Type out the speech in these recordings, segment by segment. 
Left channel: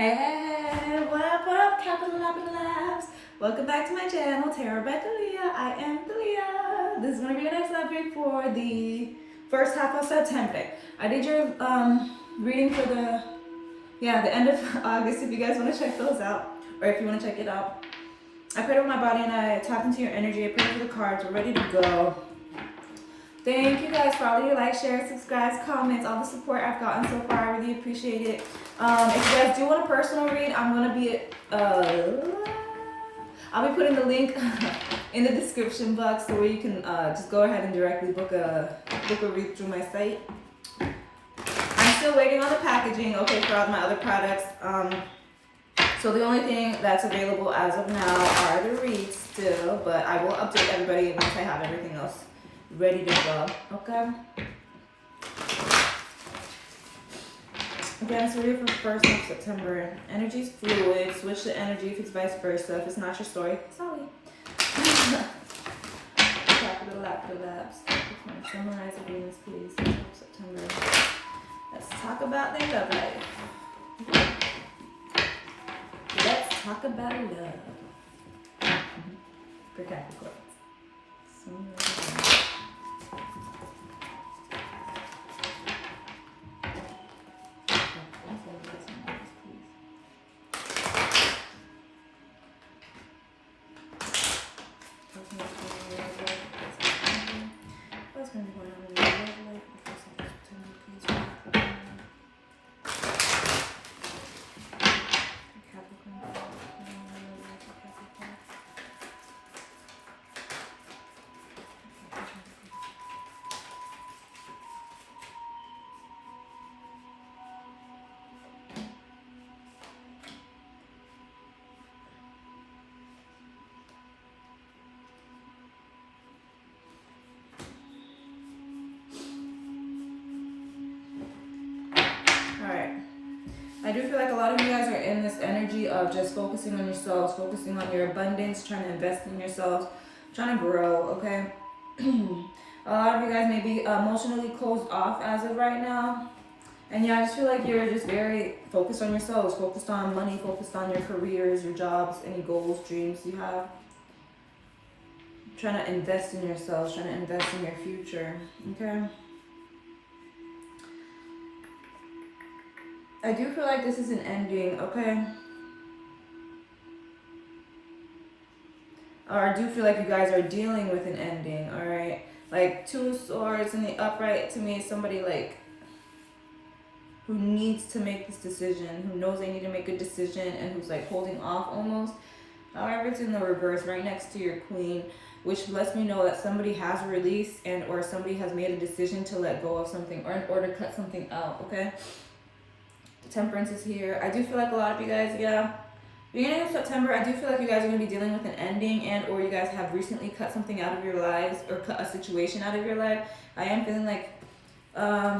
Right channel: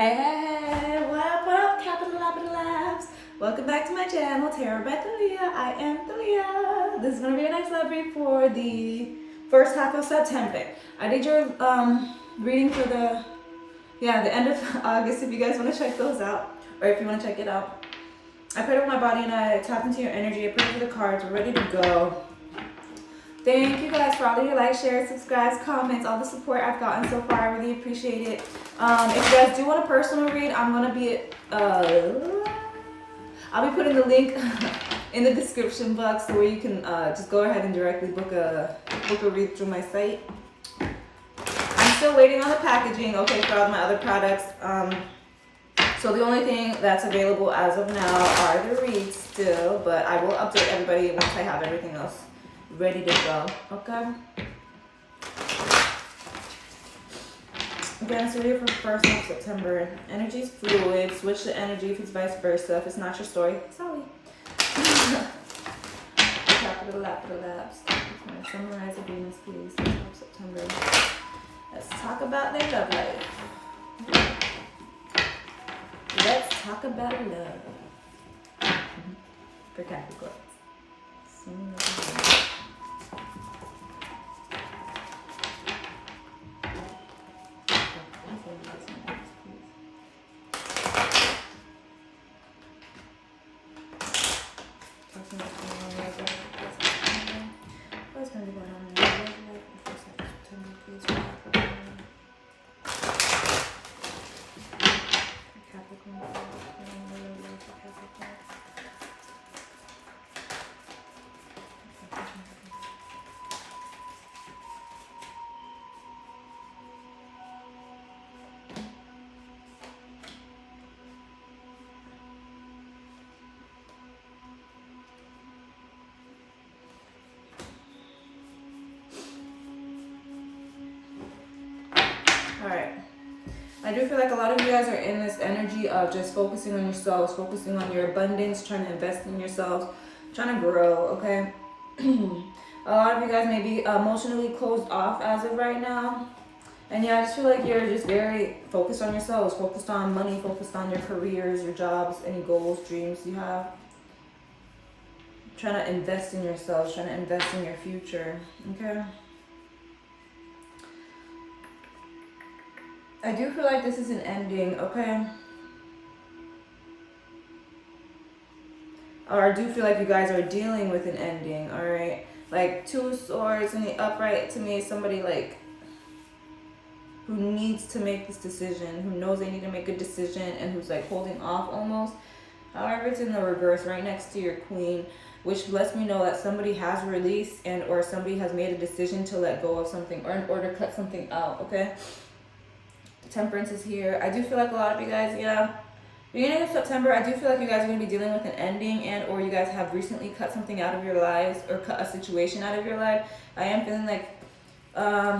Hey, what up, Capital Labs? Welcome back to my channel, Tarot by Thalia. I am Thalia. This is going to be a nice love read for the first half of September. I did your reading for the end of August if you guys want to check those out, or if you want to check it out. I prayed over my body and I tapped into your energy. I prayed for the cards. We're ready to go. Thank you guys for all of your likes, shares, subscribes, comments, all the support I've gotten so far. I really appreciate it. If you guys do want a personal read, I'm gonna be I'll be putting the link in the description box so where you can just go ahead and directly book a read through my site. I'm still waiting on the packaging, okay, for all of my other products. So the only thing that's available as of now are the reads still, but I will update everybody once I have everything else ready to go, okay? Again, it's a read for 1st of September. Energy's fluid. Switch the energy if it's vice versa. If it's not your story, sorry. Capital Labs. Capricorn. Summarize the Venus, please. 1st of September. Let's talk about their love life. Let's talk about love. For Capricorn. What's going to be going on in your love life in the first half of September, please? Capricorn. I do feel like a lot of you guys are in this energy of just focusing on yourselves, focusing on your abundance, trying to invest in yourselves, trying to grow, okay? A lot of you guys may be emotionally closed off as of right now. And yeah, I just feel like you're just very focused on yourselves, focused on money, focused on your careers, your jobs, any goals, dreams you have. Trying to invest in yourselves, trying to invest in your future, okay? I do feel like this is an ending, okay? Or I do feel like you guys are dealing with an ending, all right? Like 2 swords in the upright to me is somebody like who needs to make this decision, who knows they need to make a decision and who's like holding off almost. However, it's in the reverse right next to your queen, which lets me know that somebody has released and or somebody has made a decision to let go of something or in order to cut something out, okay? Temperance is here. I do feel like a lot of you guys, beginning of September, I do feel like you guys are going to be dealing with an ending and or you guys have recently cut something out of your lives or cut a situation out of your life. I am feeling like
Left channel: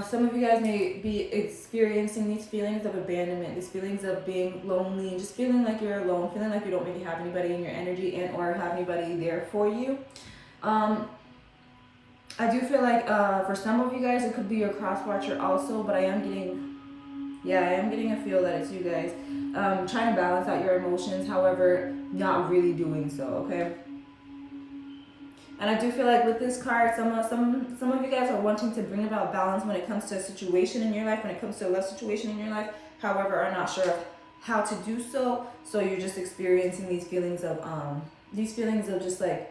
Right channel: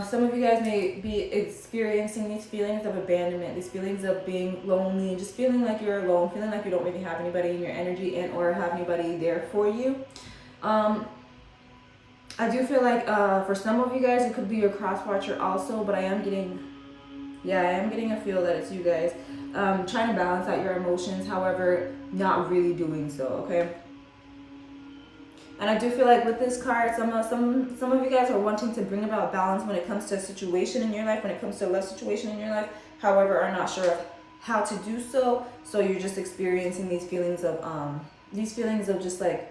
some of you guys may be experiencing these feelings of abandonment, these feelings of being lonely and just feeling like you're alone, feeling like you don't really have anybody in your energy and or have anybody there for you. I do feel like for some of you guys, it could be your cross watcher also, but I am getting a feel that it's you guys trying to balance out your emotions, however, not really doing so, okay? And I do feel like with this card, some of you guys are wanting to bring about balance when it comes to a situation in your life, when it comes to a love situation in your life, however, are not sure how to do so. So you're just experiencing these feelings of just like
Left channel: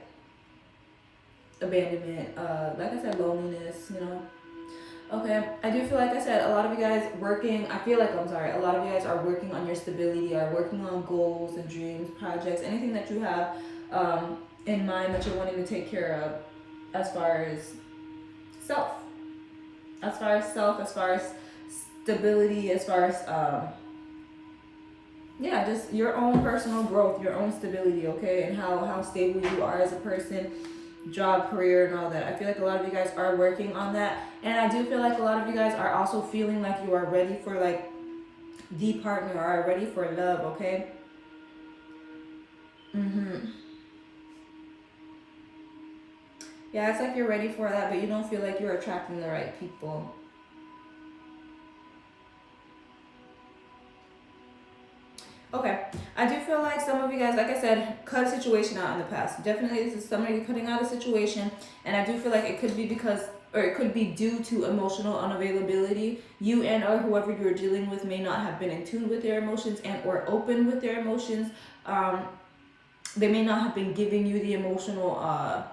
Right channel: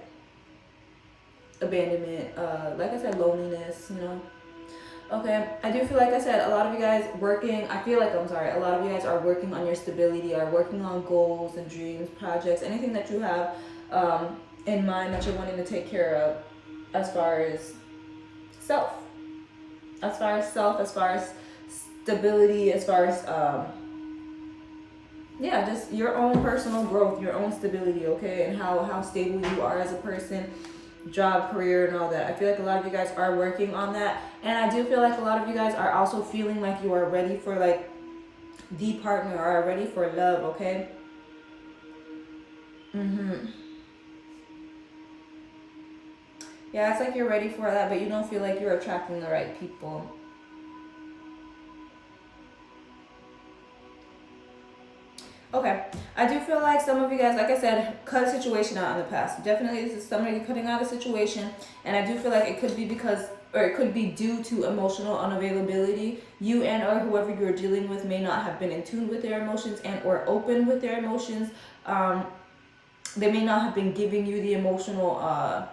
abandonment, like I said, loneliness, you know. Okay, I do feel like I said, a lot of you guys a lot of you guys are working on your stability, are working on goals and dreams, projects, anything that you have in mind that you're wanting to take care of as far as self, as far as stability, as far as, just your own personal growth, your own stability, okay, and how stable you are as a person, job, career, and all that. I feel like a lot of you guys are working on that. And I do feel like a lot of you guys are also feeling like you are ready for like the partner or are ready for love, okay? Yeah, it's like you're ready for that, but you don't feel like you're attracting the right people. Okay, I do feel like some of you guys, like I said, cut a situation out in the past. Definitely, this is somebody cutting out a situation, and I do feel like it could be because, or it could be due to emotional unavailability. You and or whoever you're dealing with may not have been in tune with their emotions and or open with their emotions. They may not have been giving you the emotional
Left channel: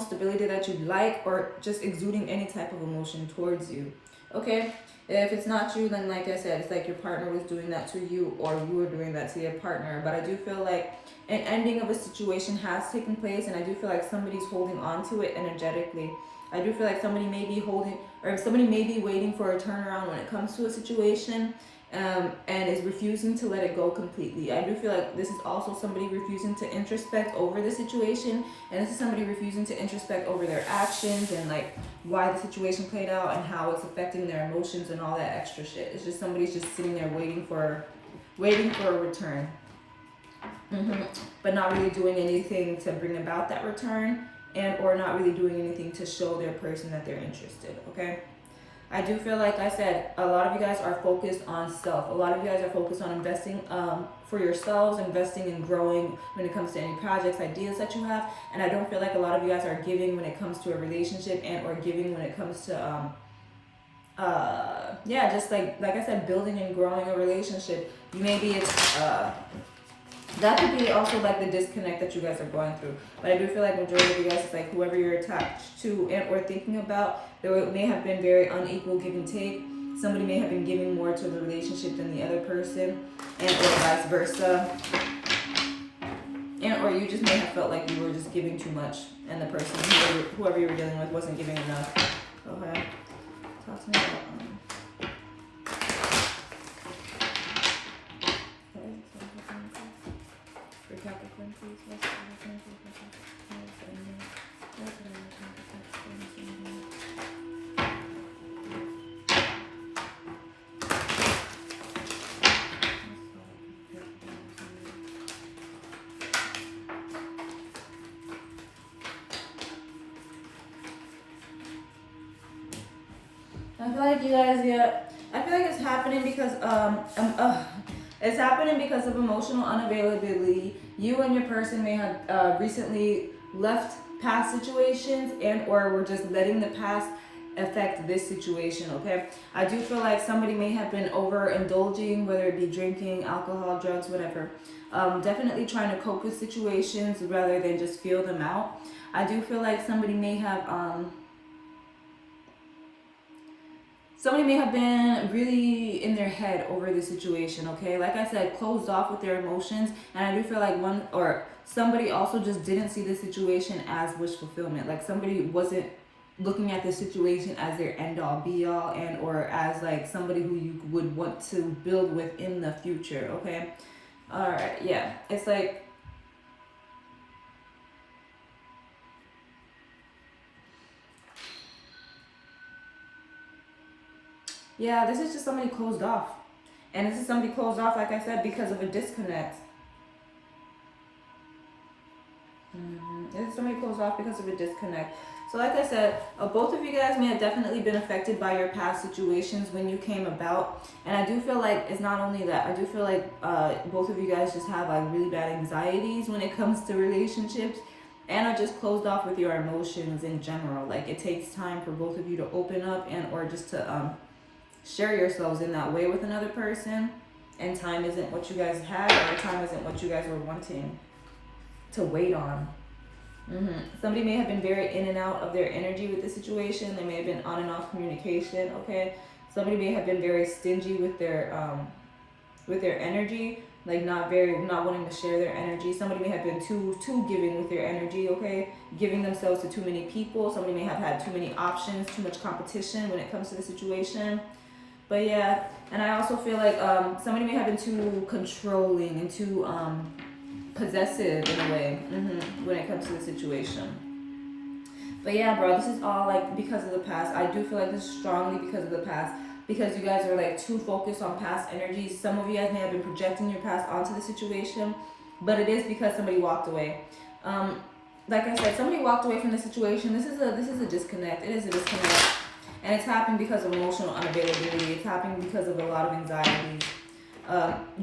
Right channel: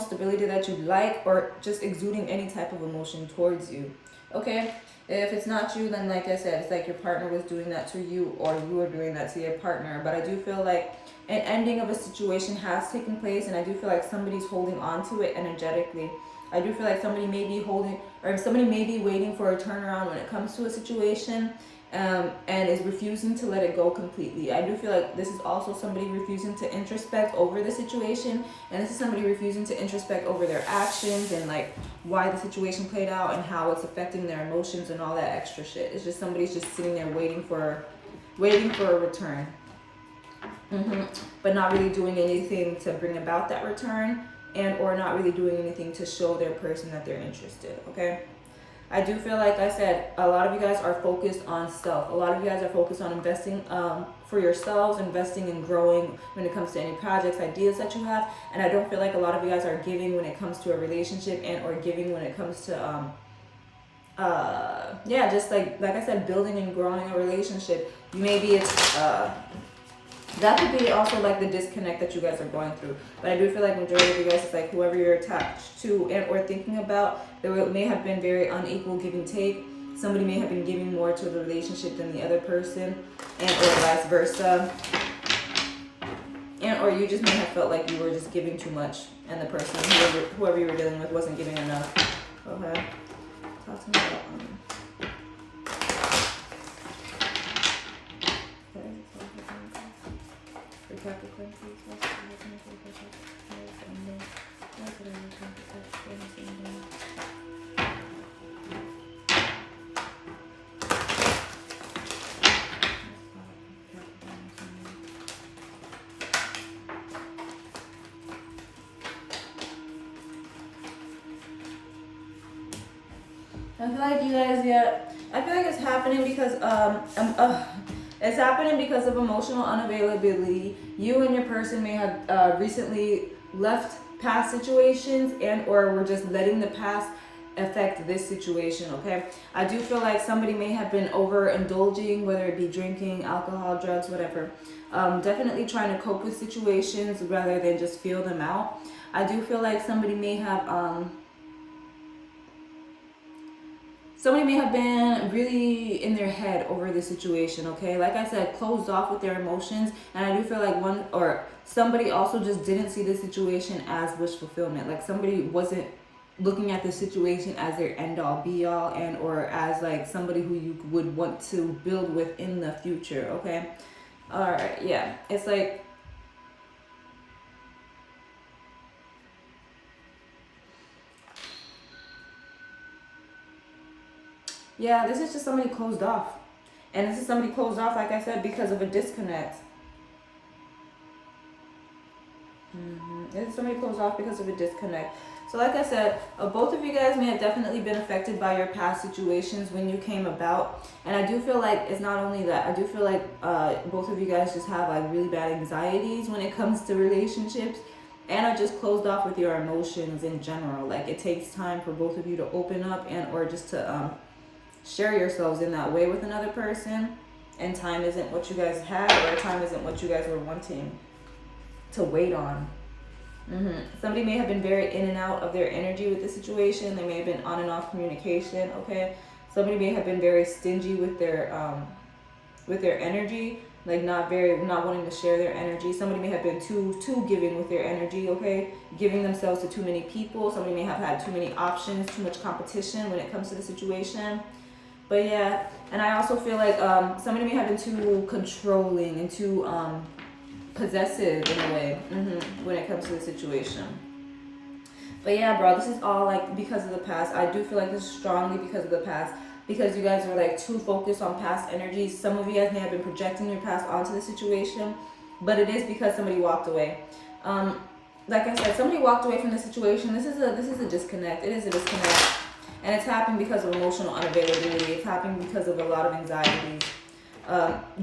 stability that you'd like, or just exuding any type of emotion towards you. Okay, if it's not you, then like I said, it's like your partner was doing that to you, or you were doing that to your partner. But I do feel like an ending of a situation has taken place, and I do feel like somebody's holding on to it energetically. I do feel like somebody may be holding, or somebody may be waiting for a turnaround when it comes to a situation, and is refusing to let it go completely. I do feel like this is also somebody refusing to introspect over the situation, and this is somebody refusing to introspect over their actions and like why the situation played out and how it's affecting their emotions and all that extra shit. It's just somebody's just sitting there waiting for a return, but not really doing anything to bring about that return, and or not really doing anything to show their person that they're interested. Okay, I do feel like I said, a lot of you guys are focused on self. A lot of you guys are focused on investing for yourselves, investing and growing when it comes to any projects, ideas that you have. And I don't feel like a lot of you guys are giving when it comes to a relationship, and or giving when it comes to yeah, just like I said, building and growing a relationship. Maybe it's that could be also like the disconnect that you guys are going through. But I do feel like majority of you guys, it's like whoever you're attached to and or thinking about, there may have been very unequal give and take. Somebody may have been giving more to the relationship than the other person, and or vice versa. And or you just may have felt like you were just giving too much, and the person, whoever you were dealing with, wasn't giving enough. Okay. Talk to me about for Capricorn, please. I feel like you guys, yeah. I feel like it's happening because it's happening because of emotional unavailability. You and your person may have recently left past situations, and or were just letting the past affect this situation. Okay, I do feel like somebody may have been overindulging, whether it be drinking, alcohol, drugs, whatever. Definitely trying to cope with situations rather than just feel them out. I do feel like somebody may have been really in their head over the situation. Okay, like I said, closed off with their emotions. And I do feel like somebody also just didn't see the situation as wish fulfillment. Like somebody wasn't looking at the situation as their end all be all, and or as like somebody who you would want to build with in the future. Okay, all right, yeah, it's like yeah, this is just somebody closed off. And this is somebody closed off, like I said, because of a disconnect. This is somebody closed off because of a disconnect. So like I said, both of you guys may have definitely been affected by your past situations when you came about. And I do feel like it's not only that. I do feel like both of you guys just have like really bad anxieties when it comes to relationships, and are just closed off with your emotions in general. Like it takes time for both of you to open up, and or just to share yourselves in that way with another person, and time isn't what you guys had, or time isn't what you guys were wanting to wait on. Somebody may have been very in and out of their energy with the situation. They may have been on and off communication. Okay, somebody may have been very stingy with their energy, like not wanting to share their energy. Somebody may have been too giving with their energy. Okay, giving themselves to too many people. Somebody may have had too many options, too much competition when it comes to the situation. But yeah, and I also feel like somebody may have been too controlling and too possessive in a way when it comes to the situation. But yeah, bro, this is all like because of the past. I do feel like this is strongly because of the past, because you guys are like too focused on past energies. Some of you guys may have been projecting your past onto the situation, but it is because somebody walked away. Like I said, somebody walked away from the situation. This is a disconnect. It is a disconnect. And it's happening because of emotional unavailability. It's happening because of a lot of anxieties.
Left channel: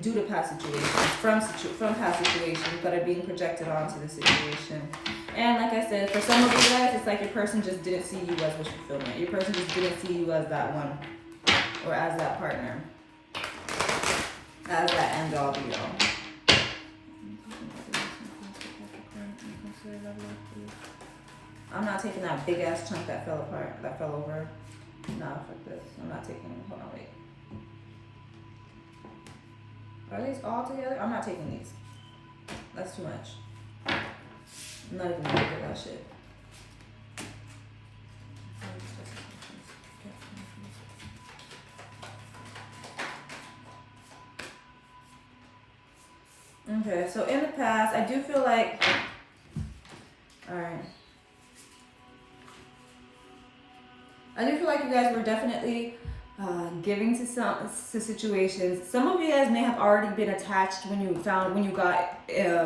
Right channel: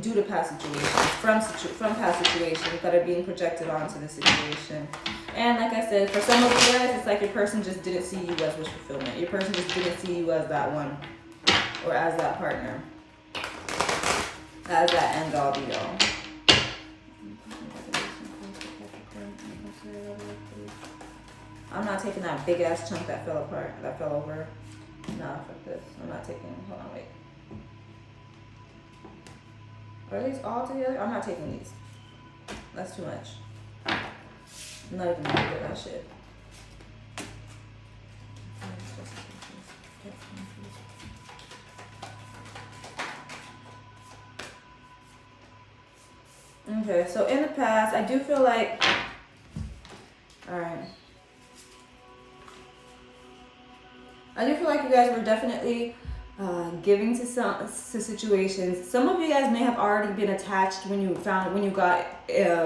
due to past situations, from past situations that are being projected onto the situation. And like I said, for some of you guys, it's like your person just didn't see you as wish fulfillment. Your person just didn't see you as that one, or as that partner, as that end all be all. I'm not taking that big ass chunk that fell apart, that fell over. No, fuck this. I'm not taking, hold on, wait. Are these all together? I'm not taking these. That's too much. I'm not even gonna look at that shit. Okay, so in the past, I do feel like, alright. I do feel like you guys were definitely giving to situations. Some of you guys may have already been attached when you got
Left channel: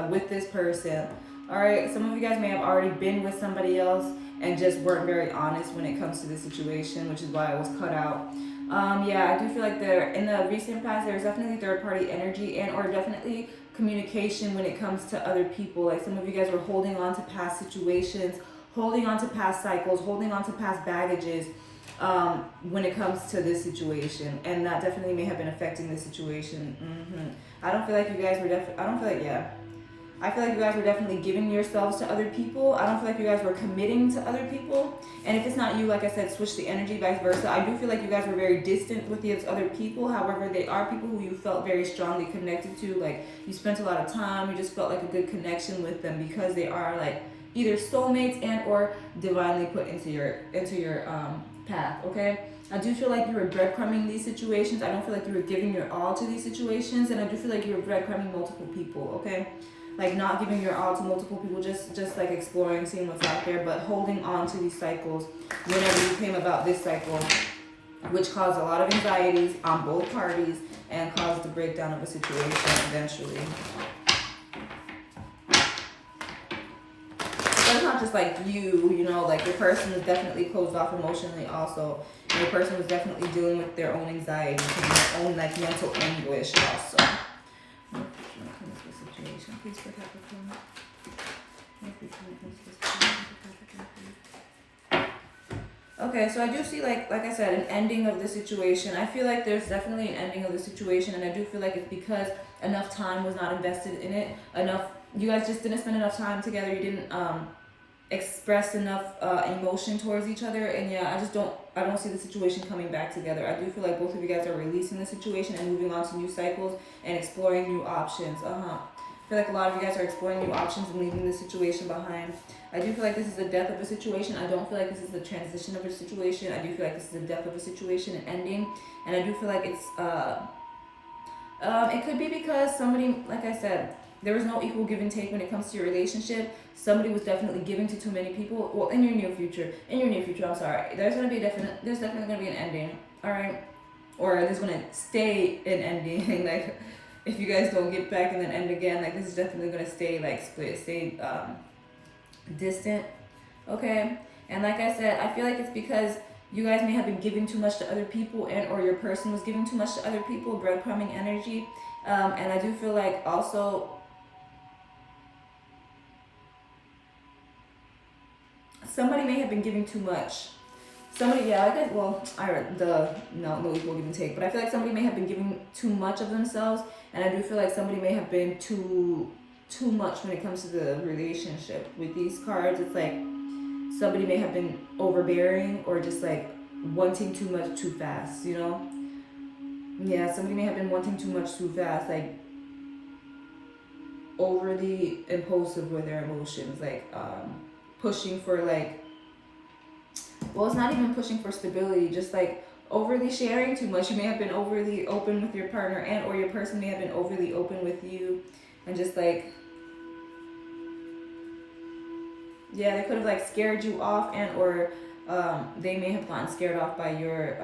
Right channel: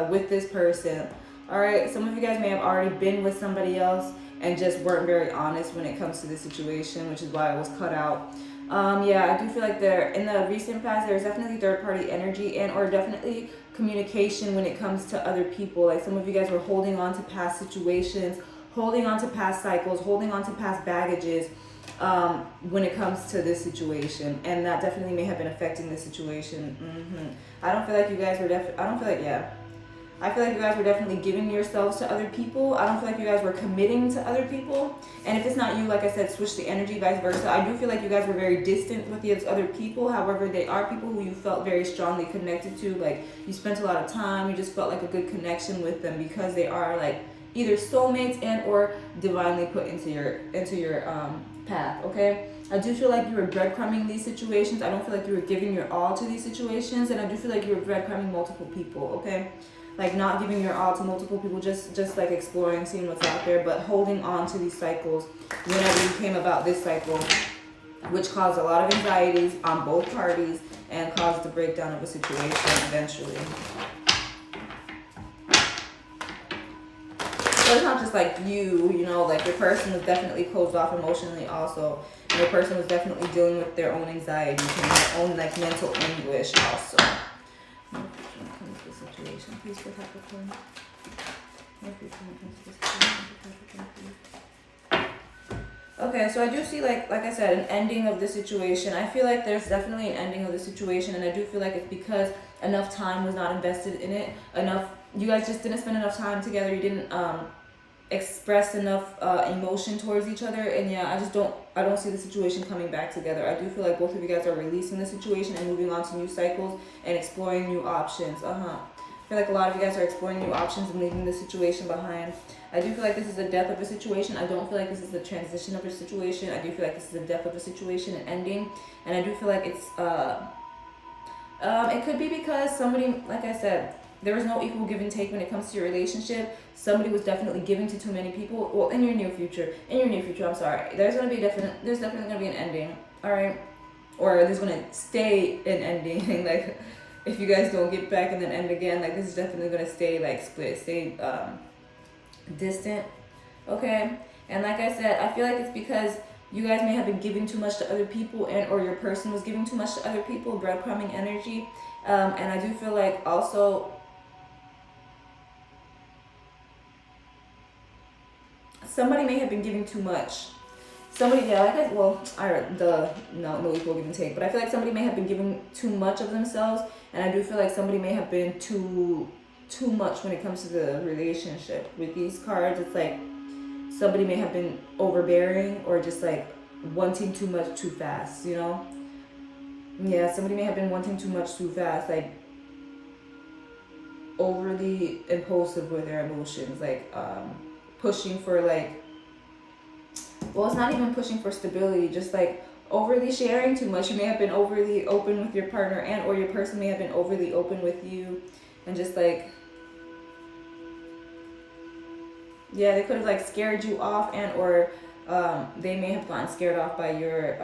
with this person. All right, some of you guys may have already been with somebody else and just weren't very honest when it comes to the situation, which is why I was cut out. Yeah, I do feel like in the recent past, there's definitely third party energy and or definitely communication when it comes to other people. Like some of you guys were holding on to past situations, holding on to past cycles, holding on to past baggages when it comes to this situation, and that definitely may have been affecting the situation. I don't feel like you guys were I feel like you guys were definitely giving yourselves to other people. I don't feel like you guys were committing to other people. And if it's not you, like I said, switch the energy, vice versa. I do feel like you guys were very distant with these other people. However, they are people who you felt very strongly connected to. Like you spent a lot of time. You just felt like a good connection with them because they are like either soulmates and or divinely put into your path. Okay. I do feel like you were breadcrumbing these situations. I don't feel like you were giving your all to these situations, and I do feel like you were breadcrumbing multiple people. Okay. Like not giving your all to multiple people, just like exploring, seeing what's out there, but holding on to these cycles whenever you came about this cycle, which caused a lot of anxieties on both parties and caused the breakdown of a situation eventually. So it's not just like you know, like your person was definitely closed off emotionally also. And your person was definitely dealing with their own anxiety and their own like mental anguish also. Situation. Please for Capricorn. Okay, so I do see like I said, an ending of the situation. I feel like there's definitely an ending of the situation, and I do feel like it's because enough time was not invested in it. You guys just didn't spend enough time together. You didn't express enough emotion towards each other, and yeah, I don't see the situation coming back together. I do feel like both of you guys are releasing the situation and moving on to new cycles and exploring new options. I feel like a lot of you guys are exploring new options and leaving the situation behind. I do feel like this is the death of a situation. I don't feel like this is the transition of a situation. I do feel like this is the death of a situation and ending. And I do feel like it's it could be because somebody, like I said, there was no equal give and take when it comes to your relationship. Somebody was definitely giving to too many people. Well, in your near future, I'm sorry. There's definitely gonna be an ending. All right, or there's gonna stay an ending. Like if you guys don't get back and then end again, like this is definitely gonna stay like split, stay distant. Okay, and like I said, I feel like it's because you guys may have been giving too much to other people, and or your person was giving too much to other people, breadcrumbing energy. And I do feel like also somebody may have been giving too much. No equal give and take, but I feel like somebody may have been giving too much of themselves, and I do feel like somebody may have been too much when it comes to the relationship. With these cards, it's like somebody may have been overbearing or just like wanting too much too fast, you know? Yeah, somebody may have been wanting too much too fast, like overly impulsive with their emotions, like pushing for like, well, it's not even pushing for stability, just like overly sharing too much. You may have been overly open with your partner, and or your person may have been overly open with you, and just like, yeah, they could have like scared you off, and or they may have gotten scared off by your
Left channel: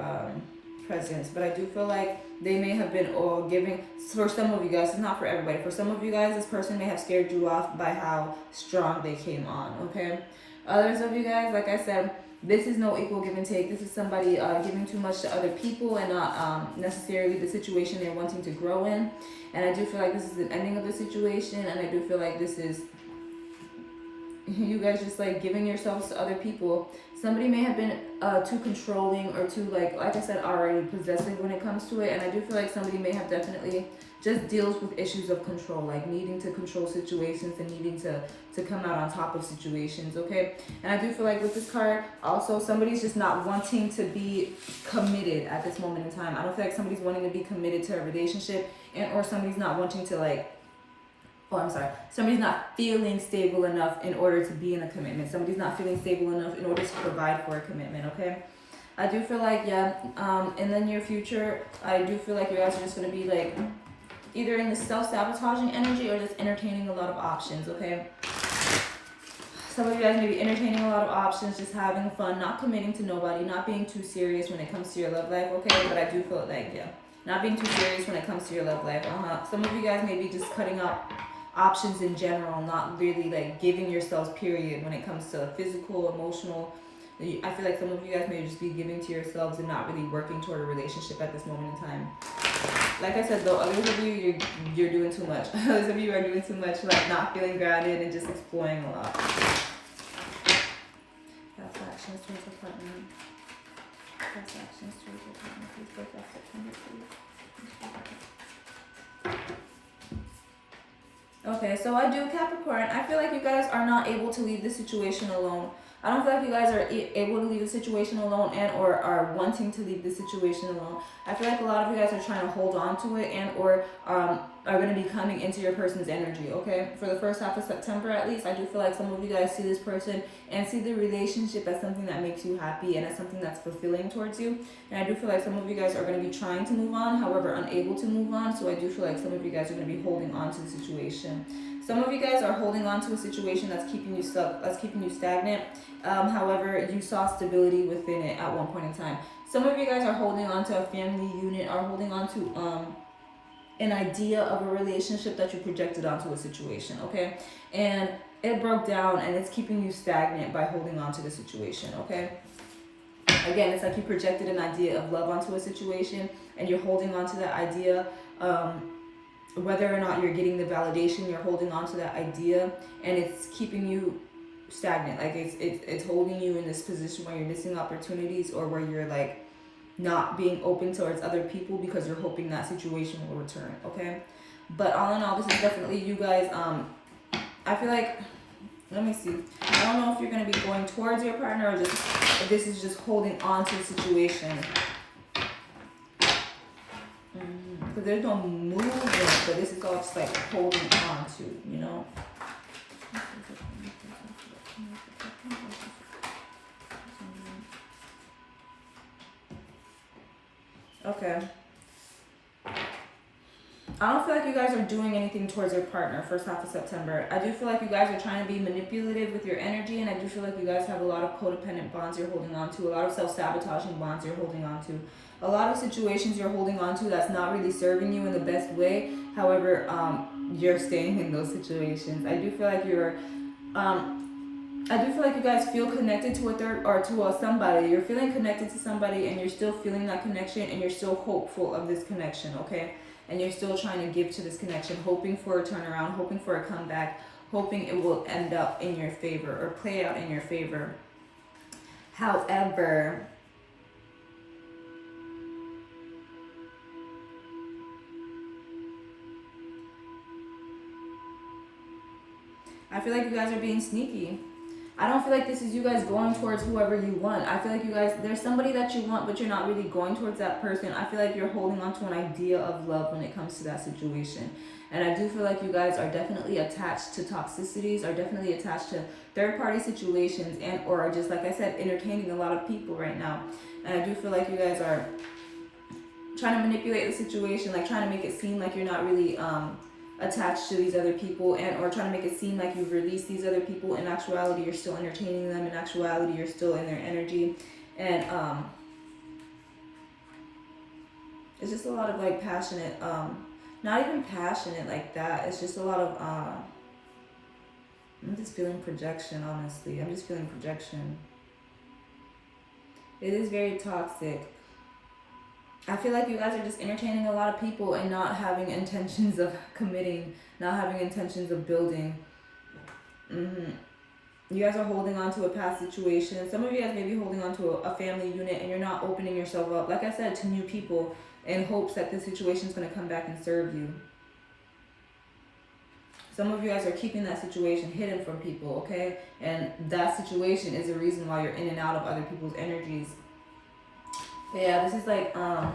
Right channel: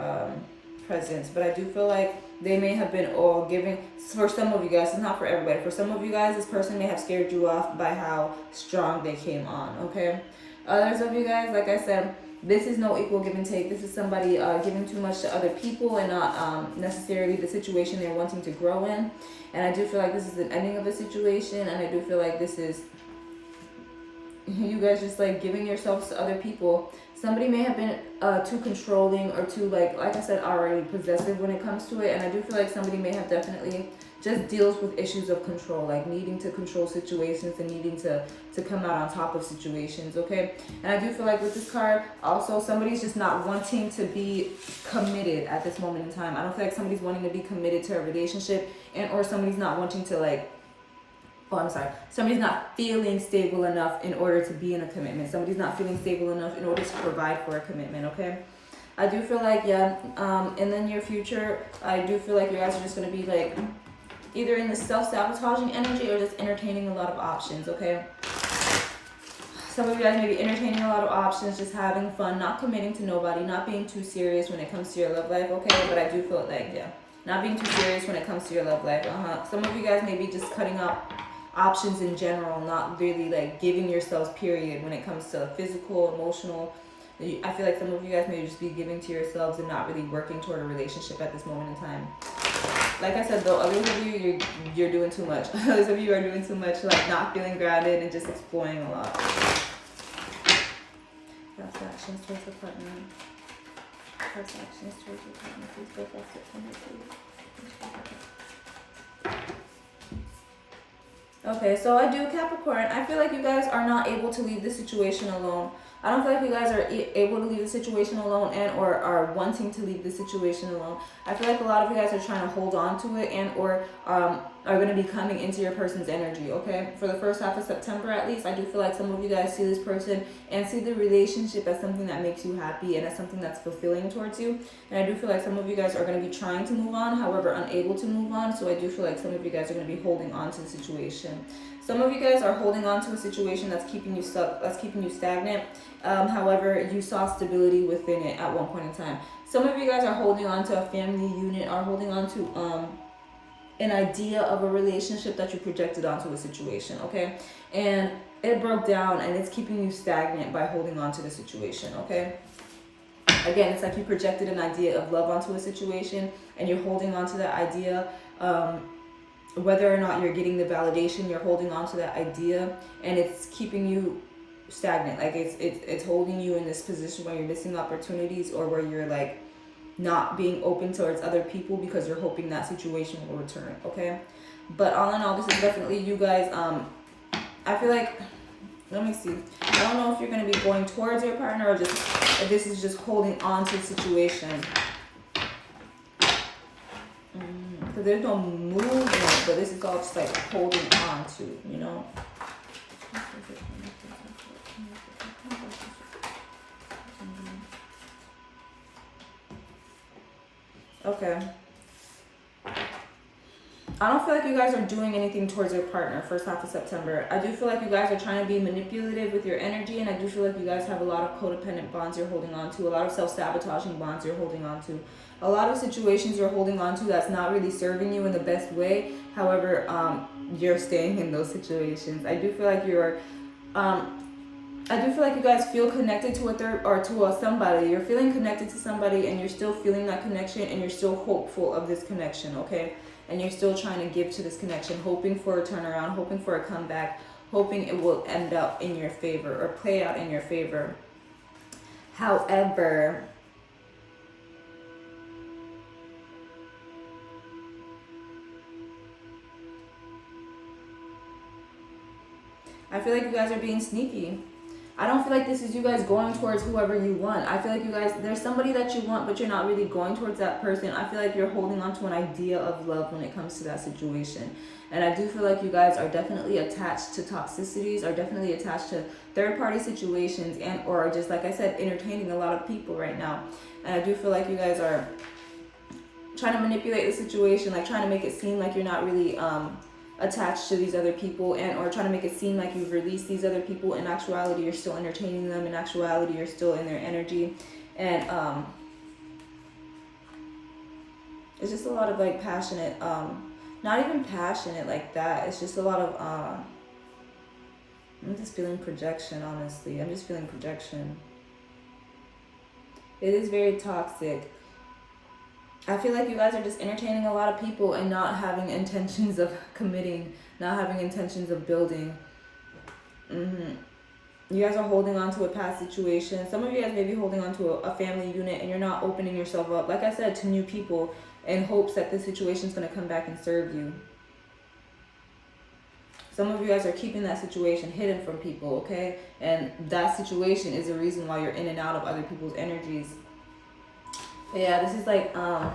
presence. But I do feel like they may have been all giving. For some of you guys, it's not for everybody. For some of you guys, this person may have scared you off by how strong they came on. Okay, others of you guys, like I said, This is no equal give and take. This is somebody giving too much to other people and not necessarily the situation they're wanting to grow in. And I do feel like this is an ending of the situation, and I do feel like this is you guys just like giving yourselves to other people. Somebody may have been too controlling or too like I said already, possessive when it comes to it. And I do feel like somebody may have definitely just deals with issues of control, like needing to control situations and needing to come out on top of situations, okay? And I do feel like with this card, also somebody's just not wanting to be committed at this moment in time. I don't feel like somebody's wanting to be committed to a relationship, and or somebody's not wanting to like, somebody's not feeling stable enough in order to be in a commitment. Somebody's not feeling stable enough in order to provide for a commitment, okay? I do feel like, in the near future, I do feel like you guys are just going to be like either in the self-sabotaging energy or just entertaining a lot of options, okay? Some of you guys may be entertaining a lot of options, just having fun, not committing to nobody, not being too serious when it comes to your love life, okay? But I do feel like, not being too serious when it comes to your love life, Some of you guys may be just cutting out options in general, not really like giving yourselves period when it comes to physical, emotional. I feel like some of you guys may just be giving to yourselves and not really working toward a relationship at this moment in time. Like I said though, others of you, you're doing too much. Others of you are doing too much, like not feeling grounded and just exploring a lot. Past actions towards the partner. Past actions towards the partner. Please break off September, please. Okay, so I do Capricorn. I feel like you guys are not able to leave this situation alone. I don't feel like you guys are able to leave the situation alone and or are wanting to leave the situation alone. I feel like a lot of you guys are trying to hold on to it and or are going to be coming into your person's energy, okay? For the first half of September at least, I do feel like some of you guys see this person and see the relationship as something that makes you happy and as something that's fulfilling towards you. And I do feel like some of you guys are going to be trying to move on, however, unable to move on. So I do feel like some of you guys are going to be holding on to the situation. Some of you guys are holding on to a situation that's keeping you stuck, that's keeping you stagnant. However, you saw stability within it at one point in time. Some of you guys are holding on to a family unit, are holding on to an idea of a relationship that you projected onto a situation, okay? And it broke down and it's keeping you stagnant by holding on to the situation, okay? Again, it's like you projected an idea of love onto a situation and you're holding on to that idea. Whether or not you're getting the validation, you're holding on to that idea and it's keeping you stagnant. Like it's holding you in this position where you're missing opportunities or where you're like not being open towards other people because you're hoping that situation will return, okay? But all in all, this is definitely you guys. I feel like, let me see. I don't know if you're going to be going towards your partner or just if this is just holding on to the situation. Because there's no movement, but this is all just like holding on to, you know? Okay. I don't feel like you guys are doing anything towards your partner first half of September. I do feel like you guys are trying to be manipulative with your energy, and I do feel like you guys have a lot of codependent bonds you're holding on to, a lot of self-sabotaging bonds you're holding on to, a lot of situations you're holding on to that's not really serving you in the best way. However, you're staying in those situations. I do feel like you're I do feel like you guys feel connected to a third or to somebody. You're feeling connected to somebody and you're still feeling that connection and you're still hopeful of this connection, okay? And you're still trying to give to this connection, hoping for a turnaround, hoping for a comeback, hoping it will end up in your favor or play out in your favor. However, I feel like you guys are being sneaky. I don't feel like this is you guys going towards whoever you want. I feel like you guys, there's somebody that you want, but you're not really going towards that person. I feel like you're holding on to an idea of love when it comes to that situation. And I do feel like you guys are definitely attached to toxicities, are definitely attached to third-party situations, and or just, like I said, entertaining a lot of people right now. And I do feel like you guys are trying to manipulate the situation, like trying to make it seem like you're not really attached to these other people, and or trying to make it seem like you've released these other people. In actuality, you're still entertaining them. In actuality, you're still in their energy. And it's just a lot of like passionate, not even passionate like that. It's just a lot of I'm just feeling projection, honestly. I'm just feeling projection. It is very toxic. I feel like you guys are just entertaining a lot of people and not having intentions of committing, not having intentions of building. You guys are holding on to a past situation. Some of you guys may be holding on to a family unit and you're not opening yourself up, like I said, to new people in hopes that this situation is going to come back and serve you. Some of you guys are keeping that situation hidden from people, okay? And that situation is the reason why you're in and out of other people's energies. Yeah, this is like, I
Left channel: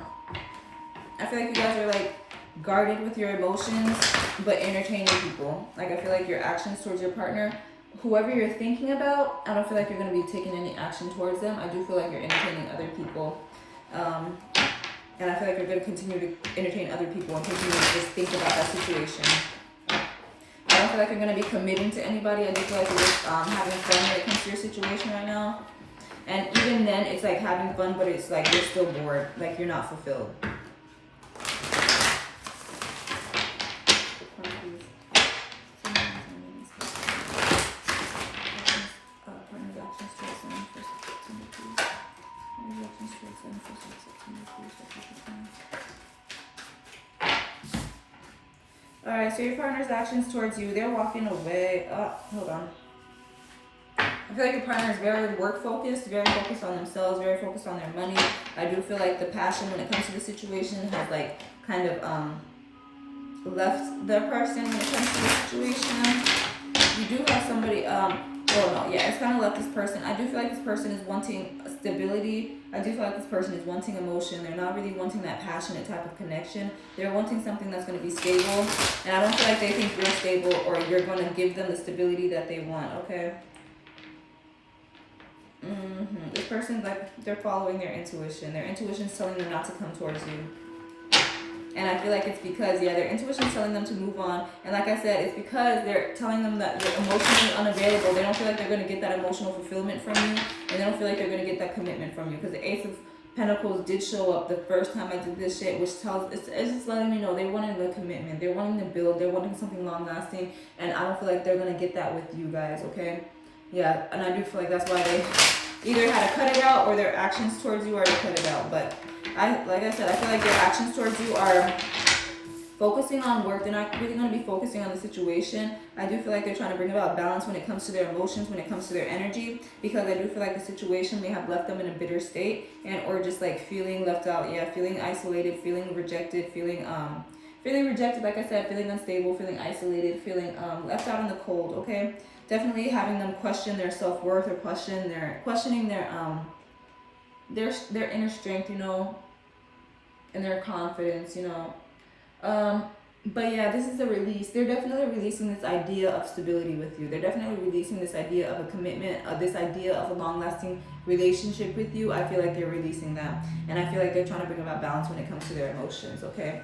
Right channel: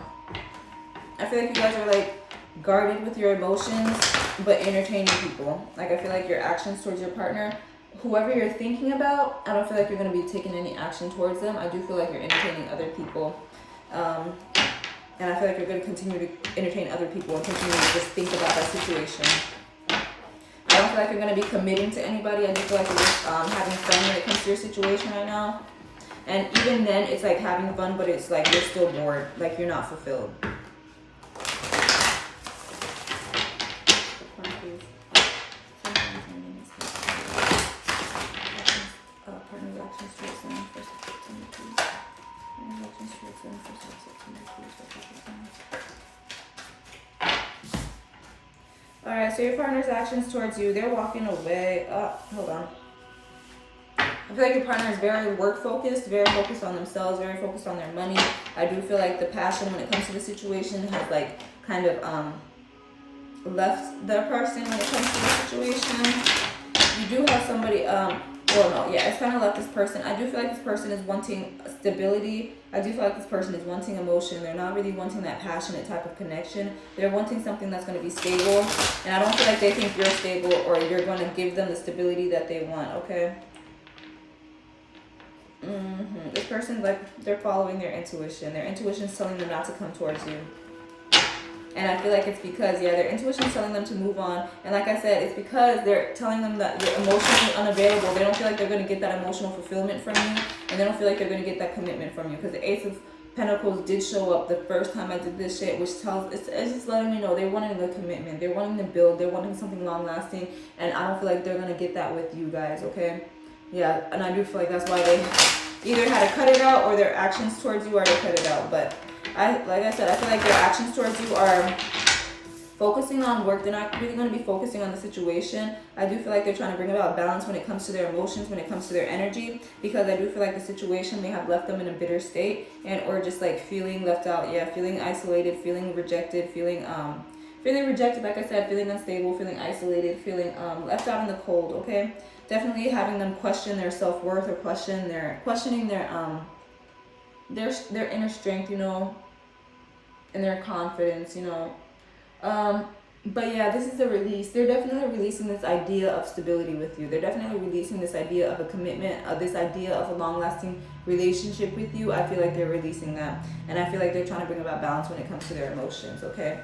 feel like you guys are like guarded with your emotions, but entertaining people. Like I feel like your actions towards your partner, whoever you're thinking about, I don't feel like you're going to be taking any action towards them. I do feel like you're entertaining other people. And I feel like you're going to continue to entertain other people and continue to just think about that situation. I don't feel like you're going to be committing to anybody. I do feel like you're just having fun when it comes to your situation right now. And even then, it's like having fun, but it's like you're still bored. Like you're not fulfilled. Alright, so your partner's actions towards you, they're walking away. Hold on. I feel like your partner is very work focused, very focused on themselves, very focused on their money. I do feel like the passion when it comes to the situation has like kind of left the person when it comes to the situation. You do have somebody, it's kind of left this person. I do feel like this person is wanting stability. I do feel like this person is wanting emotion. They're not really wanting that passionate type of connection. They're wanting something that's going to be stable. And I don't feel like they think you're stable or you're going to give them the stability that they want, okay? This person's like, they're following their intuition. Their intuition's telling them not to come towards you. And I feel like it's because, their intuition's telling them to move on. And like I said, it's because they're telling them that you're emotionally unavailable. They don't feel like they're going to get that emotional fulfillment from you. And they don't feel like they're going to get that commitment from you. Because the Ace of Pentacles did show up the first time I did this shit, which tells, it's just letting me know they wanted the commitment. They're wanting to build. They're wanting something long lasting. And I don't feel like they're going to get that with you guys, okay? Yeah, and I do feel like that's why they either had to cut it out or their actions towards you are to cut it out. But like I said, I feel like their actions towards you are focusing on work. They're not really going to be focusing on the situation. I do feel like they're trying to bring about balance when it comes to their emotions, when it comes to their energy, because I do feel like the situation may have left them in a bitter state and or just like feeling left out. Yeah, feeling isolated, feeling rejected, feeling rejected, like I said, feeling unstable, feeling isolated, feeling left out in the cold, okay? Definitely having them question their self-worth or questioning their inner strength, and their confidence, But yeah, this is the release. They're definitely releasing this idea of stability with you. They're definitely releasing this idea of a commitment, this idea of a long-lasting relationship with you. I feel like they're releasing that. And I feel like they're trying to bring about balance when it comes to their emotions, okay?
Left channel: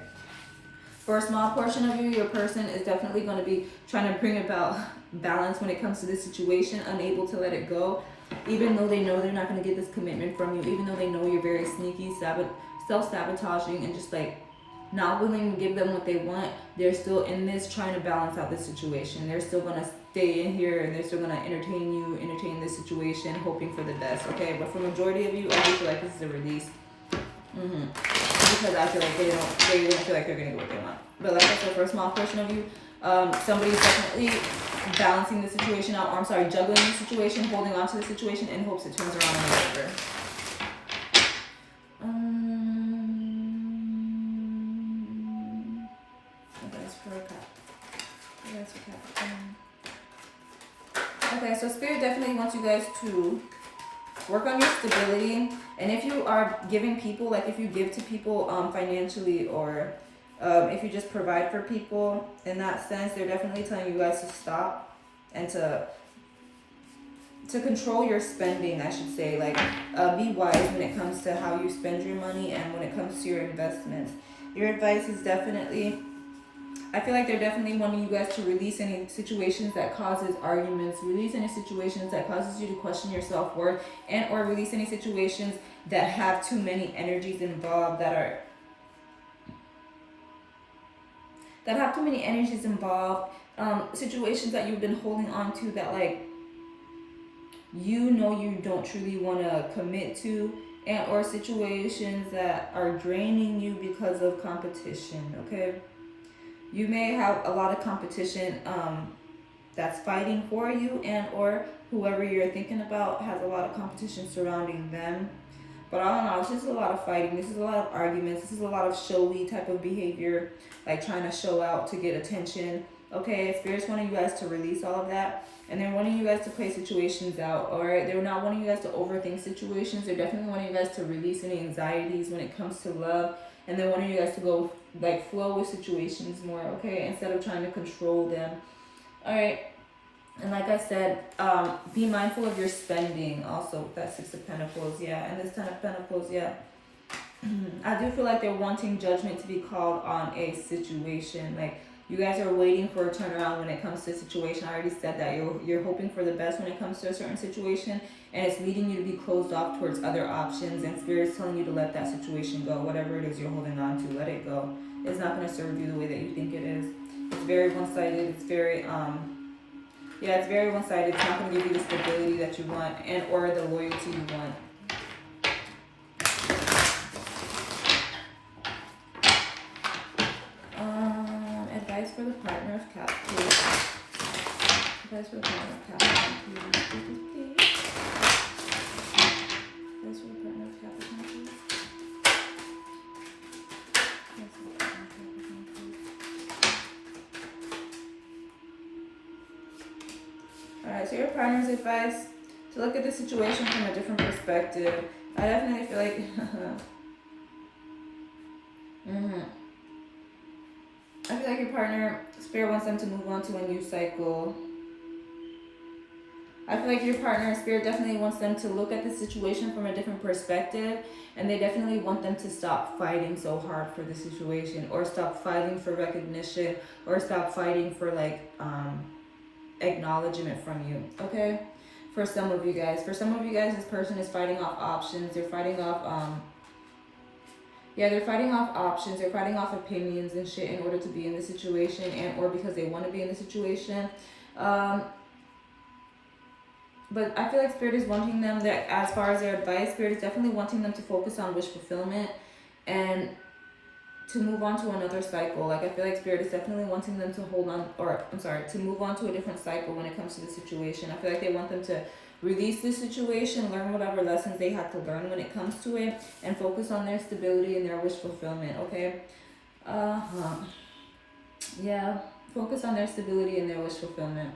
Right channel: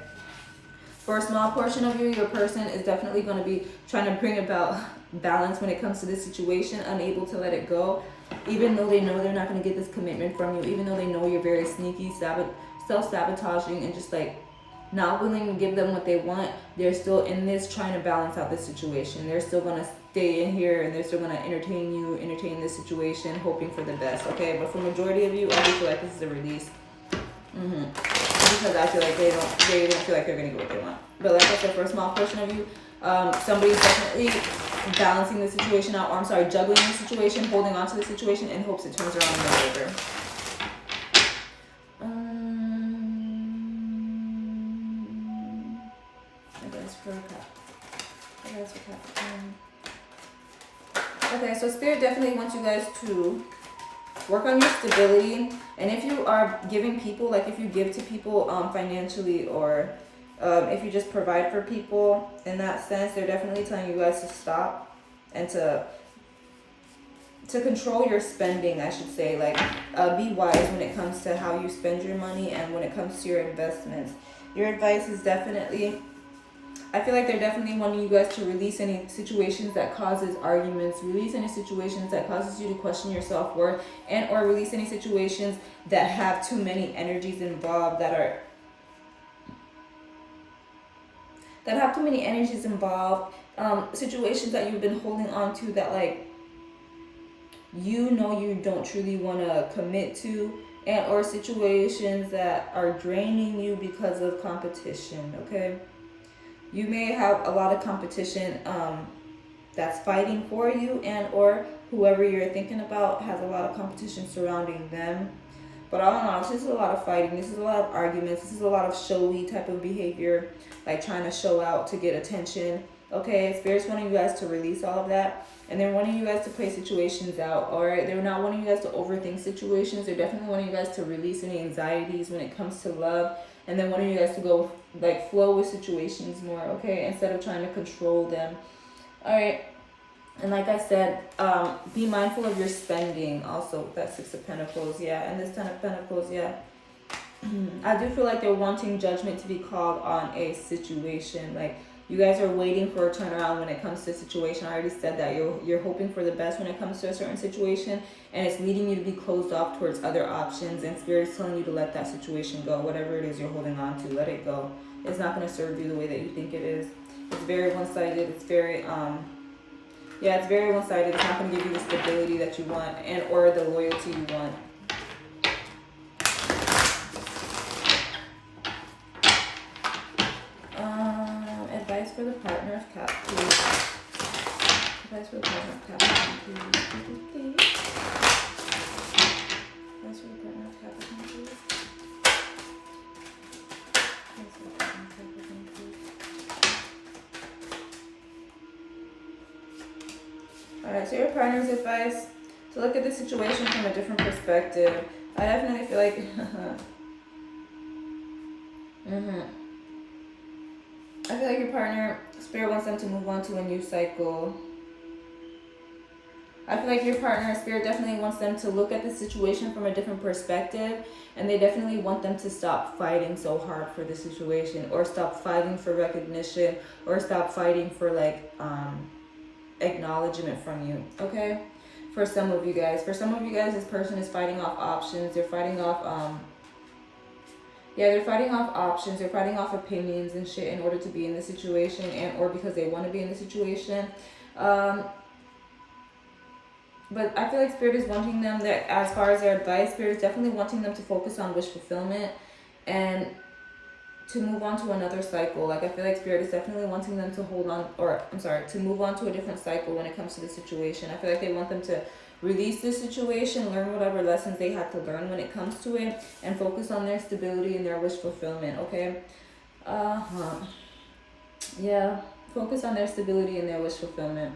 For a small portion of you, your person is definitely going to be trying to bring about balance when it comes to this situation, unable to let it go. Even though they know they're not going to get this commitment from you, even though they know you're very sneaky, self-sabotaging, and just like not willing to give them what they want, they're still in this trying to balance out the situation. They're still going to stay in here and they're still going to entertain this situation, hoping for the best, okay? But for majority of you, I do feel like this is a release. Because I feel like they don't feel like they're going to get what they want. But like I said, for a small portion of you, somebody's definitely balancing the situation out, or juggling the situation, holding on to the situation in hopes it turns around and goes over. Okay, so Spirit definitely wants you guys to work on your stability. And if you are giving people, like if you give to people financially, or if you just provide for people in that sense, they're definitely telling you guys to stop and to control your spending, I should say. Like be wise when it comes to how you spend your money and when it comes to your investments. Your advice is definitely, I feel like they're definitely wanting you guys to release any situations that causes arguments, release any situations that causes you to question your self-worth, and or release any situations that have too many energies involved, situations that you've been holding on to that like you know you don't truly want to commit to, and or situations that are draining you because of competition, okay? You may have a lot of competition that's fighting for you, and or whoever you're thinking about has a lot of competition surrounding them. But all in all, this is a lot of fighting. This is a lot of arguments. This is a lot of showy type of behavior, like trying to show out to get attention. Okay, Spirit's wanting you guys to release all of that. And they're wanting you guys to play situations out, alright? They're not wanting you guys to overthink situations. They're definitely wanting you guys to release any anxieties when it comes to love. And they're wanting you guys to go, like, flow with situations more, okay? Instead of trying to control them. Alright. And like I said, be mindful of your spending also with that Six of Pentacles, yeah. And this Ten of Pentacles, yeah. I do feel like they're wanting judgment to be called on a situation. Like, you guys are waiting for a turnaround when it comes to a situation. I already said that. You're hoping for the best when it comes to a certain situation. And it's leading you to be closed off towards other options. And Spirit's telling you to let that situation go. Whatever it is you're holding on to, let it go. It's not going to serve you the way that you think it is. It's very one-sided. It's very, yeah, it's very one-sided. It's not going to give you the stability that you want and or the loyalty you want. Advice for the partner of Cap, please. Advice for the partner of Capricorn, please. Advice for the partner of Capricorn, please. Advice for the partner of Capricorn, please. Alright, so your partner's advice to look at the situation from a different perspective. I definitely feel like I feel like your partner, Spirit wants them to move on to a new cycle. I feel like your partner, Spirit definitely wants them to look at the situation from a different perspective, and they definitely want them to stop fighting so hard for the situation, or stop fighting for recognition, or stop fighting for like acknowledgement from you, okay? For some of you guys. For some of you guys, this person is fighting off options. They're fighting off they're fighting off options. They're fighting off opinions and shit in order to be in the situation, and or because they want to be in the situation. But I feel like Spirit is wanting them, that as far as their advice, Spirit is definitely wanting them to focus on wish fulfillment and to move on to another cycle. Like, I feel like Spirit is definitely wanting them to hold on, or I'm sorry, to move on to a different cycle when it comes to the situation. I feel like they want them to release this situation, learn whatever lessons they had to learn when it comes to it, and focus on their stability and their wish fulfillment, okay? Yeah, focus on their stability and their wish fulfillment.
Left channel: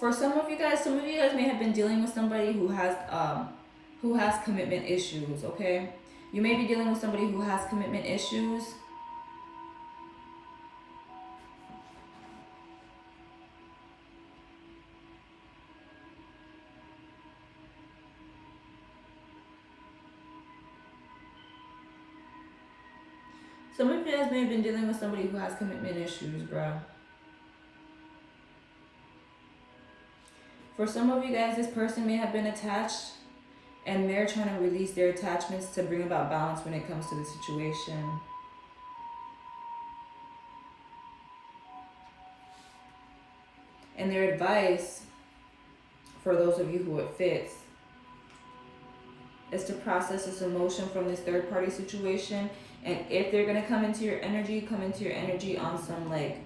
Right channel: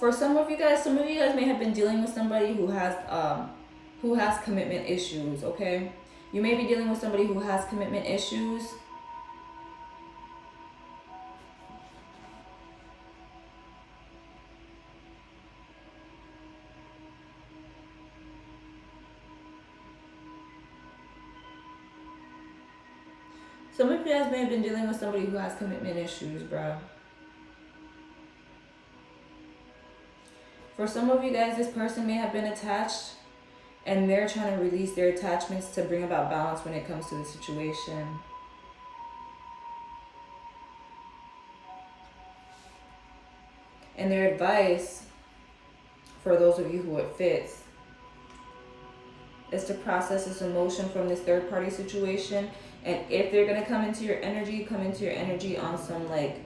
For some of you guys may have been dealing with somebody who has commitment issues, okay? You may be dealing with somebody who has commitment issues. Some of you guys may have been dealing with somebody who has commitment issues, bro. For some of you guys, this person may have been attached, and they're trying to release their attachments to bring about balance when it comes to the situation. And their advice, for those of you who it fits, is to process this emotion from this third party situation. And if they're going to come into your energy on some like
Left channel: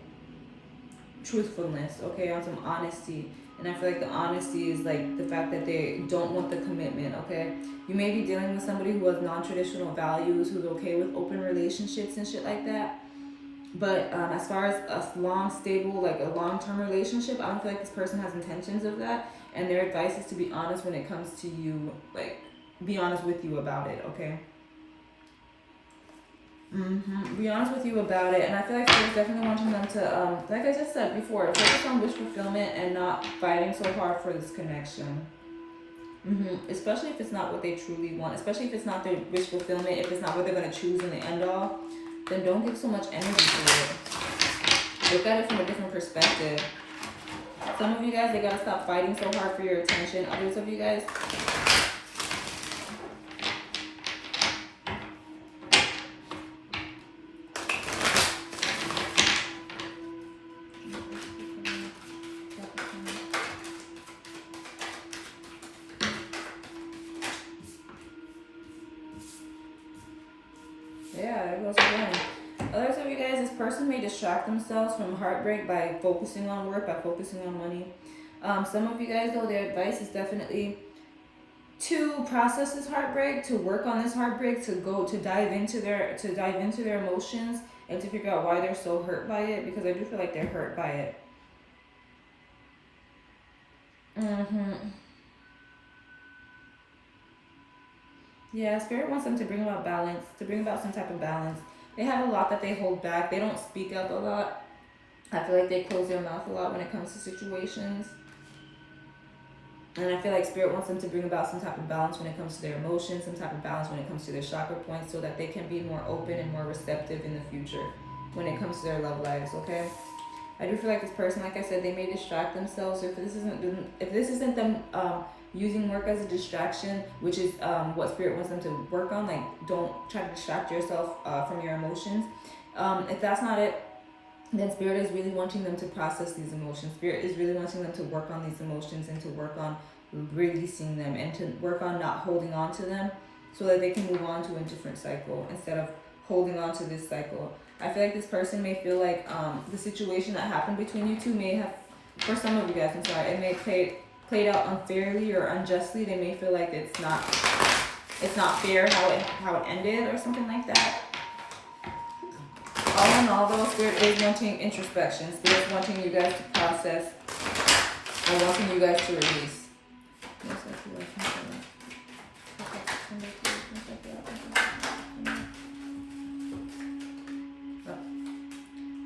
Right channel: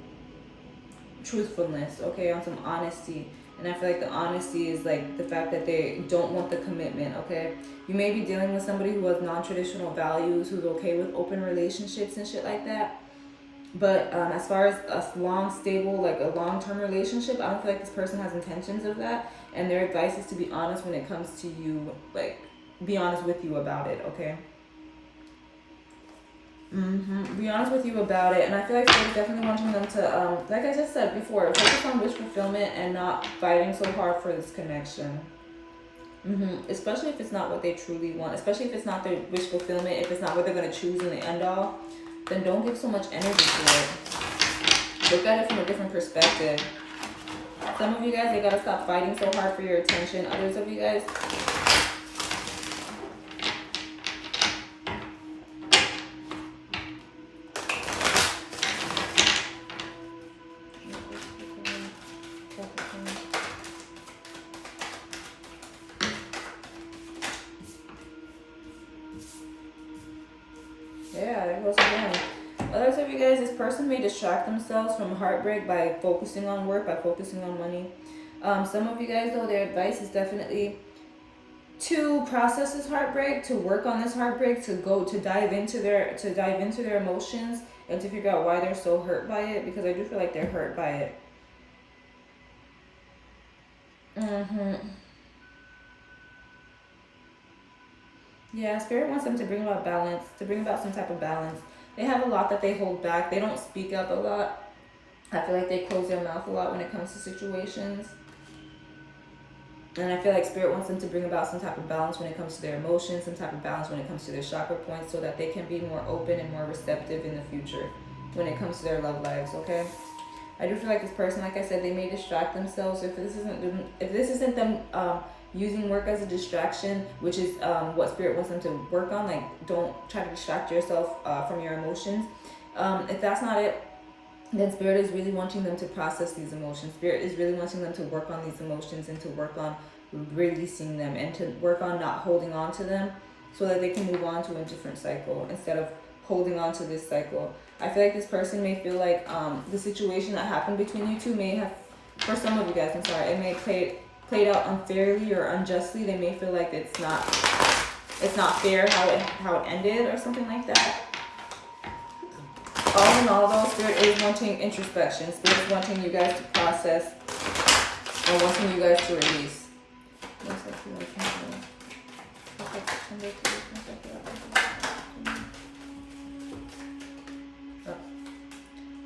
truthfulness, okay, on some honesty. And I feel like the honesty is like the fact that they don't want the commitment, okay? You may be dealing with somebody who has non-traditional values, who's okay with open relationships and shit like that. But as far as a long, stable, like a long-term relationship, I don't feel like this person has intentions of that. And their advice is to be honest when it comes to you, like, be honest with you about it, okay? Be honest with you about it. And I feel like it's definitely wanting them to, like I just said before, focus on wish fulfillment and not fighting so hard for this connection. Especially if it's not what they truly want. Especially if it's not their wish fulfillment, if it's not what they're going to choose in the end all, then don't give so much energy to it. Look at it from a different perspective. Some of you guys, they got to stop fighting so hard for your attention. Others of you guys, Yeah, there goes again. Others of you guys, this person may distract themselves from heartbreak by focusing on work, by focusing on money. Some of you guys, though, their advice is definitely to process this heartbreak, to work on this heartbreak, to dive into their emotions and to figure out why they're so hurt by it, because I do feel like they're hurt by it. Yeah, Spirit wants them to bring about balance, to bring about some type of balance. They have a lot that they hold back. They don't speak up a lot. I feel like they close their mouth a lot when it comes to situations. And I feel like Spirit wants them to bring about some type of balance when it comes to their emotions, some type of balance when it comes to their chakra points, so that they can be more open and more receptive in the future when it comes to their love lives, okay? I do feel like this person, like I said, they may distract themselves. If this isn't them using work as a distraction, which is what Spirit wants them to work on, like don't try to distract yourself from your emotions. If that's not it, then Spirit is really wanting them to process these emotions. Spirit is really wanting them to work on these emotions and to work on releasing them and to work on not holding on to them, so that they can move on to a different cycle instead of holding on to this cycle. I feel like this person may feel like the situation that happened between you two may have, for some of you guys, I'm sorry, it may played out unfairly or unjustly. They may feel like it's not fair how it ended or something like that. All in all, though, Spirit is wanting introspection. Spirit is wanting you guys to process and wanting you guys to release.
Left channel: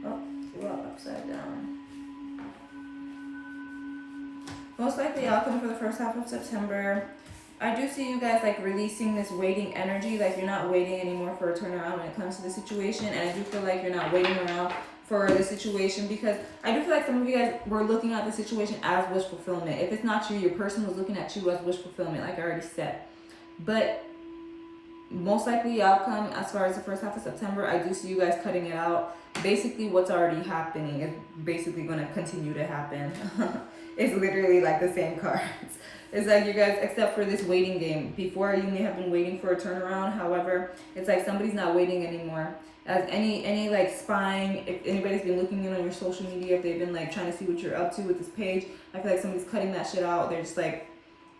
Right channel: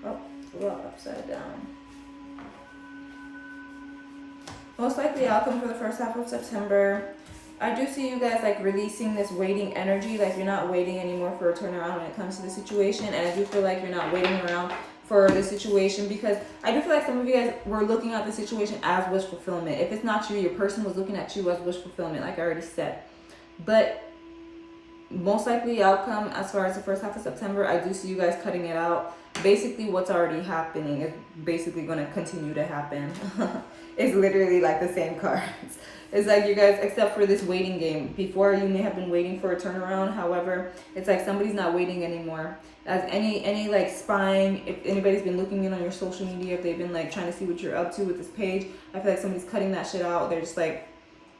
Oh, upside down. Most likely outcome for the first half of September. I do see you guys like releasing this waiting energy, like you're not waiting anymore for a turnaround when it comes to the situation, and I do feel like you're not waiting around for the situation, because I do feel like some of you guys were looking at the situation as wish fulfillment. If it's not you, your person was looking at you as wish fulfillment, like I already said. But most likely outcome as far as the first half of September, I do see you guys cutting it out. Basically what's already happening is basically going to continue to happen. It's literally like the same cards. It's like you guys, except for this waiting game. Before, you may have been waiting for a turnaround. However, it's like somebody's not waiting anymore. As any like spying, if anybody's been looking in on your social media, if they've been like trying to see what you're up to with this page, I feel like somebody's cutting that shit out. They're just like,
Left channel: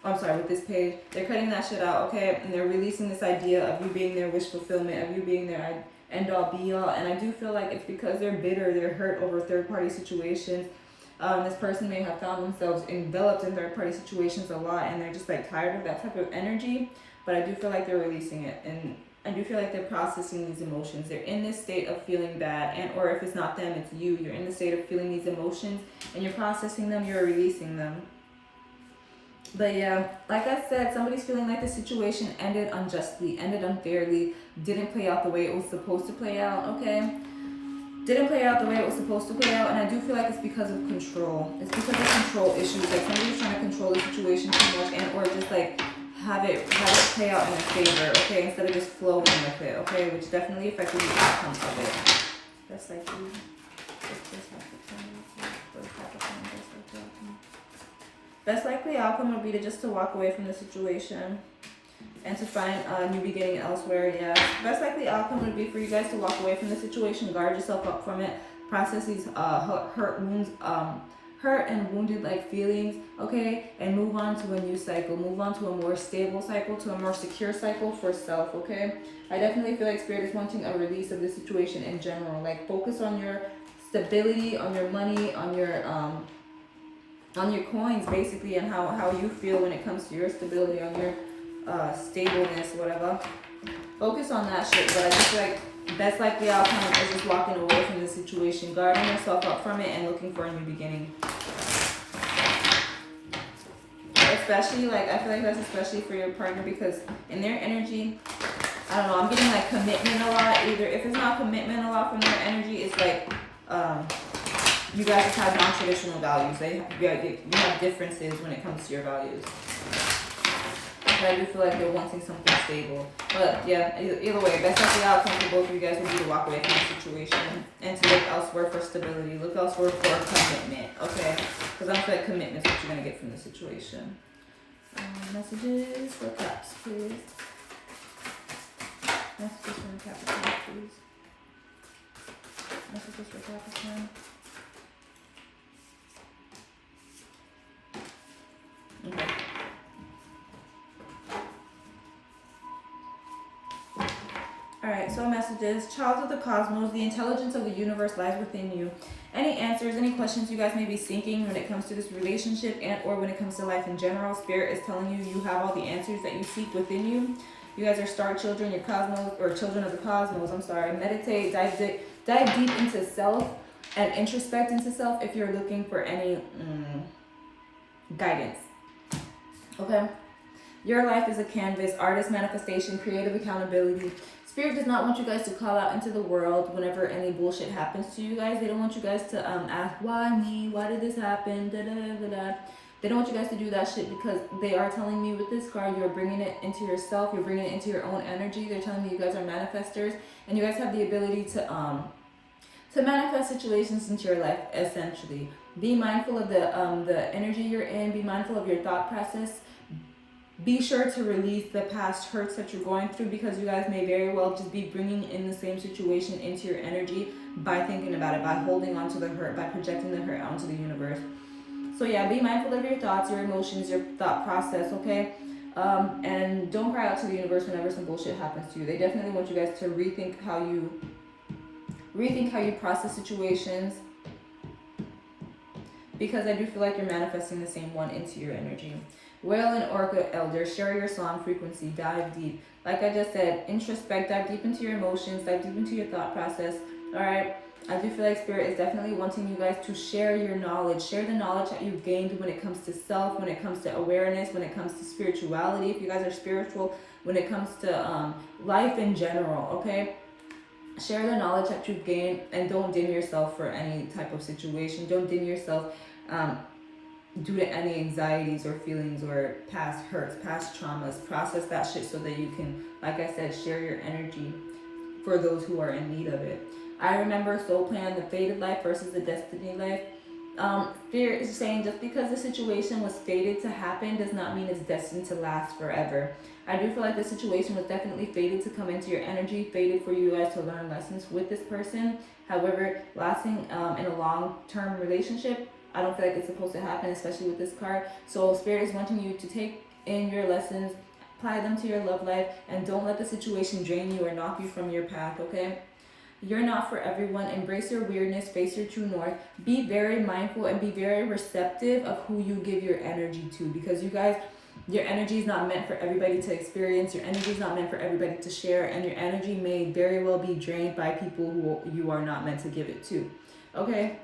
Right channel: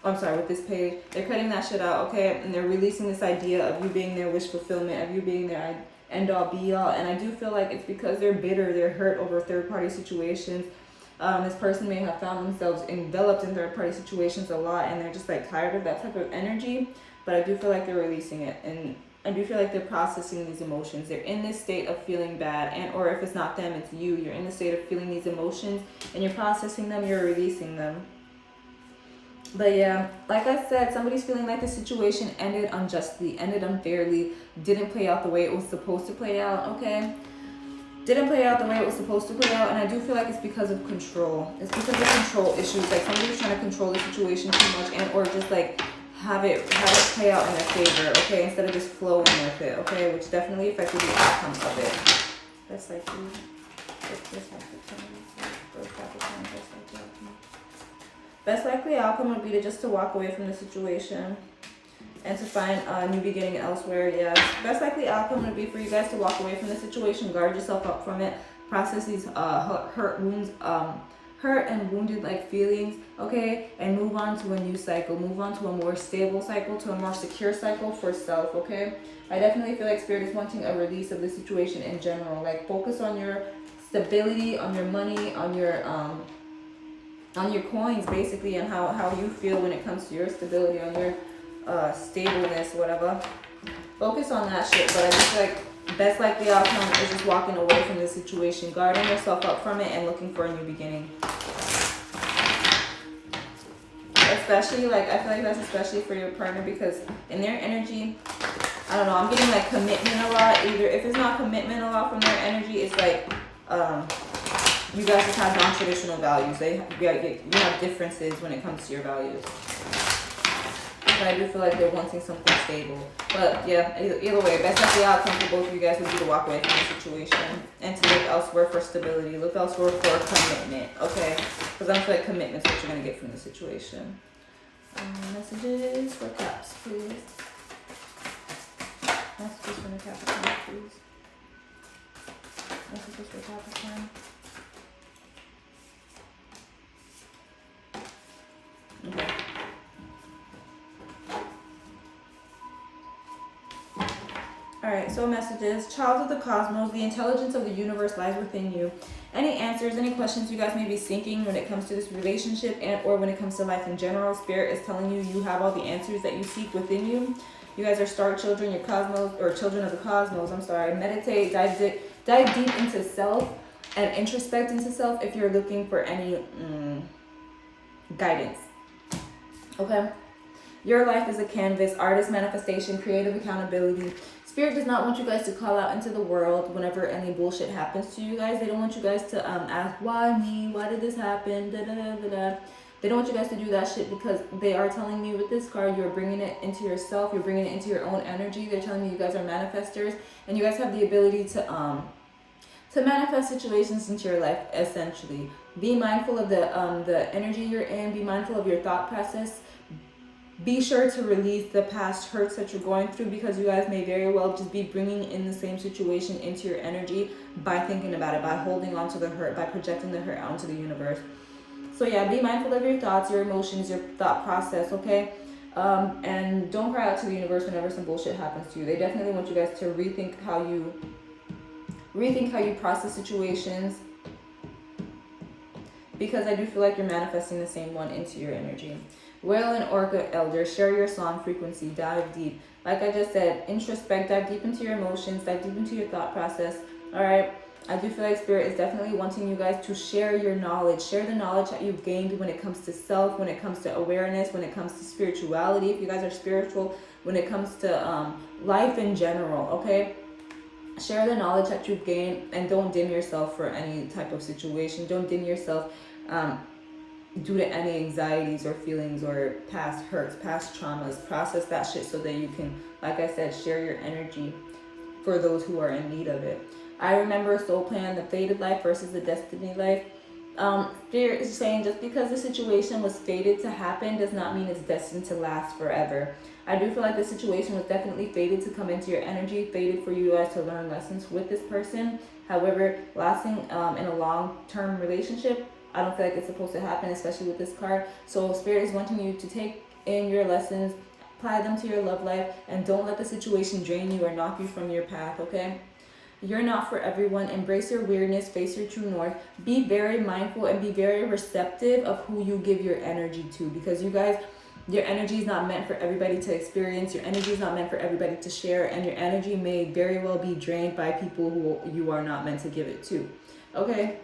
I'm sorry, with this page, they're cutting that shit out, okay? And they're releasing this idea of you being their wish fulfillment, of you being their end all be all. And I do feel like it's because they're bitter, they're hurt over third party situations. This person may have found themselves enveloped in third party situations a lot, and they're just like tired of that type of energy. But I do feel like they're releasing it, and I do feel like they're processing these emotions. They're in this state of feeling bad, and or if it's not them, it's you. You're in the state of feeling these emotions, and you're processing them, you're releasing them. But yeah, like I said, somebody's feeling like the situation ended unjustly, ended unfairly, didn't play out the way it was supposed to play out, okay? Didn't play out the way it was supposed to play out, and I do feel like it's because of control. It's because of control issues. Like somebody's trying to control the situation too much, and or just like have it play out in their favor, okay, instead of just flowing with it, okay, which definitely affected the outcome of it. That's like best likely outcome would be to walk away from the situation and to find a new beginning elsewhere. Yeah, best likely outcome would be for you guys to walk away from the situation, guard yourself up from it, process these hurt and wounded like feelings, okay, and move on to a new cycle, move on to a more stable cycle, to a more secure cycle for self, okay? I definitely feel like Spirit is wanting a release of the situation in general. Like focus on your stability, on your money, on your coins, basically, and how you feel when it comes to your stability, on your stableness, whatever. Focus on that shit. But I just feel like best likely outcome is just walking away from the situation, guarding yourself up from it, and looking for a new beginning. Especially, like, I feel like that's especially for your partner, because in their energy, I don't know, I'm getting like commitment a lot. Either if it's not commitment a lot from their energy, it's like you guys just have non-traditional values. You have differences when it comes to your values. But I do feel like they're wanting something stable. But yeah, either way, best likely outcome for both of you guys would be to walk away from the situation and to look elsewhere for stability. Look elsewhere for commitment, okay? Because I don't feel like commitment's what you're going to get from the situation. Messages for Caps, please. Messages for for Capricorn, please. Messages for Capricorn. Okay. Alright, so messages. Child of the cosmos, the intelligence of the universe lies within you. Any answers, any questions you guys may be thinking when it comes to this relationship and or when it comes to life in general, Spirit is telling you you have all the answers that you seek within you. You guys are star children, your cosmos, or children of the cosmos, I'm sorry. Meditate, dive deep into self and introspect into self if you're looking for any guidance. Okay? Your life is a canvas, artist manifestation, creative accountability. Spirit does not want you guys to call out into the world whenever any bullshit happens to you guys. They don't want you guys to ask, why me? Why did this happen? Da, da, da, da, da. They don't want you guys to do that shit because they are telling me with this card, you're bringing it into yourself. You're bringing it into your own energy. They're telling me you guys are manifestors and you guys have the ability to manifest situations into your life, essentially. Be mindful of the energy you're in. Be mindful of your thought process. Be sure to release the past hurts that you're going through because you guys may very well just be bringing in the same situation into your energy by thinking about it, by holding on to the hurt, by projecting the hurt onto the universe. So yeah, be mindful of your thoughts, your emotions, your thought process, okay? And don't cry out to the universe whenever some bullshit happens to you. They definitely want you guys to rethink how you process situations, because I do feel like you're manifesting the same one into your energy. Whale and Orca Elder, share your song frequency, dive deep. Like I just said, introspect, dive deep into your emotions, dive deep into your thought process. All right. I do feel like Spirit is definitely wanting you guys to share your knowledge. Share the knowledge that you've gained when it comes to self, when it comes to awareness, when it comes to spirituality. If you guys are spiritual, when it comes to life in general, okay? Share the knowledge that you've gained and don't dim yourself for any type of situation. Don't dim yourself due to any anxieties or feelings or past hurts, past traumas. Process that shit so that you can, like I said, share your energy for those who are in need of it. I remember soul plan, the fated life versus the destiny life. Spirit is saying just because the situation was fated to happen does not mean it's destined to last forever. I do feel like the situation was definitely fated to come into your energy, fated for you guys to learn lessons with this person. However, lasting in a long-term relationship, I don't feel like it's supposed to happen, especially with this card. So Spirit is wanting you to take in your lessons, apply them to your love life, and don't let the situation drain you or knock you from your path, okay? You're not for everyone. Embrace your weirdness, face your true north. Be very mindful and be very receptive of who you give your energy to, because you guys, your energy is not meant for everybody to experience. Your energy is not meant for everybody to share, and your energy may very well be drained by people who you are not meant to give it to, okay?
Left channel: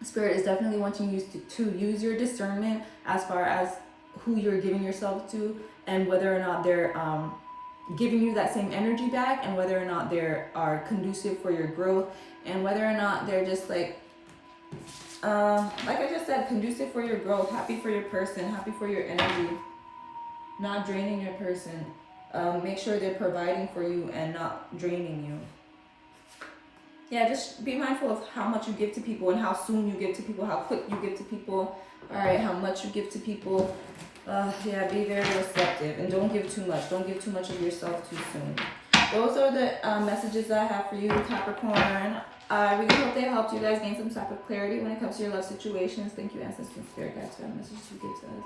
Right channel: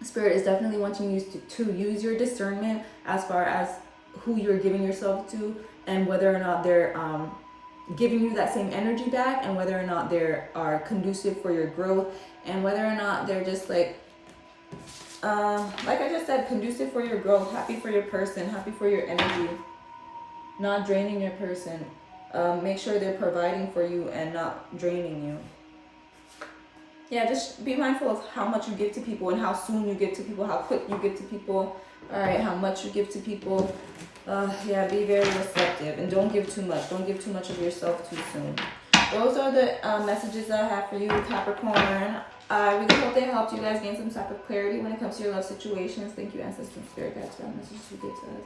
Spirit is definitely wanting you to use your discernment as far as who you're giving yourself to and whether or not they're giving you that same energy back, and whether or not they are conducive for your growth, and whether or not they're just like I just said, conducive for your growth, happy for your person, happy for your energy, not draining your person. Make sure they're providing for you and not draining you. Yeah, just be mindful of how much you give to people and how soon you give to people, how quick you give to people. All right, how much you give to people. Yeah, be very receptive and don't give too much. Don't give too much of yourself too soon. Those are the messages that I have for you, Capricorn. I really hope they helped you guys gain some type of clarity when it comes to your love situations. Thank you, Ancestors and Spirit Guides, for that message you give to us.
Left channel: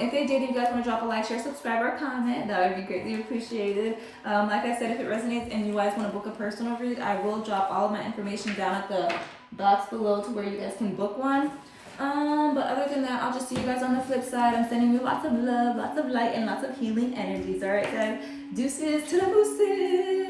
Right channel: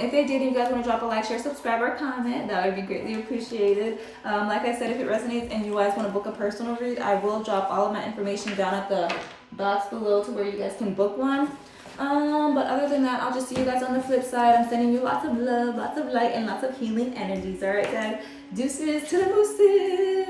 If they did, you guys want to drop a like, share, subscribe, or comment, that would be greatly appreciated. Like I said, if it resonates and you guys want to book a personal read, I will drop all of my information down at the box below to where you guys can book one. But other than that, I'll just see you guys on the flip side. I'm sending you lots of love, lots of light, and lots of healing energies. All right, guys. Deuces to the mooses.